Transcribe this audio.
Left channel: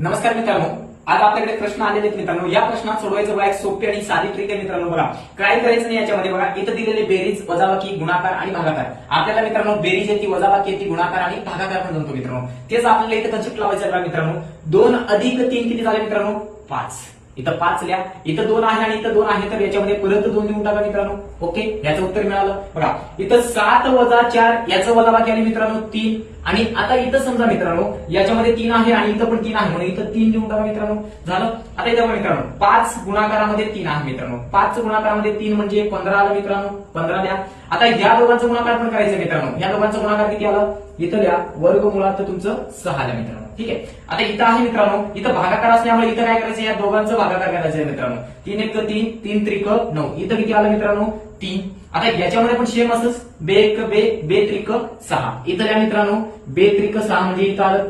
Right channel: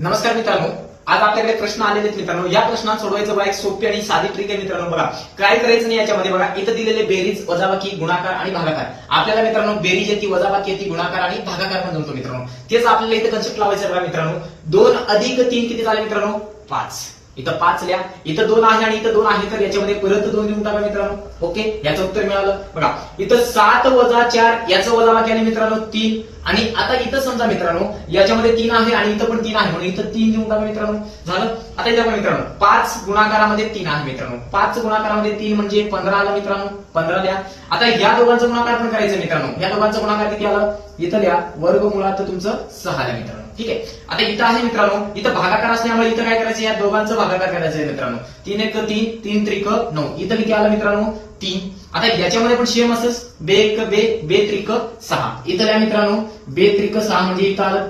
नमस्कार मित्रांनो, आज आपल्याकडे प्रश्न आलेले आहेत मित्रांनो. या प्रश्नात सोडवायचं बघा एक सोपी आणि साधी ट्रिक आहे मित्रांनो. बघा काय करायचं नाही याच्यामध्ये. बघा इथं दिलेले बेरीज, वजाबाकी, गुणाकार आणि भागाकार. आपल्याला मित्रांनो बेरीज येते, वजाबाकी येते, गुणाकार आणि भागाकार पण जमतो मित्रांनो. तेच आपल्याला इथं कन्सेप्ट लावायचं आहे बघा मित्रांनो. 2 अधिक 3 किती झाले मित्रांनो? 5. इथं 5 लिहा, इथं 2 आहे आणि इथं 2 आहे, तर याच्यामध्ये परत 2 लिहून टाका मित्रांनो. ओके, याचं उत्तर मिळालं. बघा इथं 7 वजा 4 याचं वजाबाकी आले मित्रांनो 3. आणि आता इथं समजा मित्रांनो याच्यामध्ये 3 आहे आणि इथं पण 3 आहे म्हणून इथं 3 लिहून टाका मित्रांनो. झालं. आता इथं मित्रांनो 5 गुणाकारामध्ये 3 आहे मित्रांनो. 5 गुणाकारामध्ये 3 म्हणजे 15 आलं मित्रांनो. 15 लिहा. आता या दोघांचा गुणाकार पण करायचं मित्रांनो. या दोघांचा गुणाकार किती आलं? इथं लिहा वर्गमुळात तुमचं 6 आलं मित्रांनो. ठीक आहे. आता इथं आहे मित्रांनो, इथं भागाकार असल्यामुळे इथं काय करायचं? या दोघांचं भागाकार करायचं आहे मित्रांनो. 3 1 3, 3 त्रिक 9. इथं किती आलं मित्रांनो? 3. आता याच्यामध्ये पण सेम असंच बे 1 बे 3 6. इथं या मित्रांनो बे 3 6 म्हणजे इथं आलं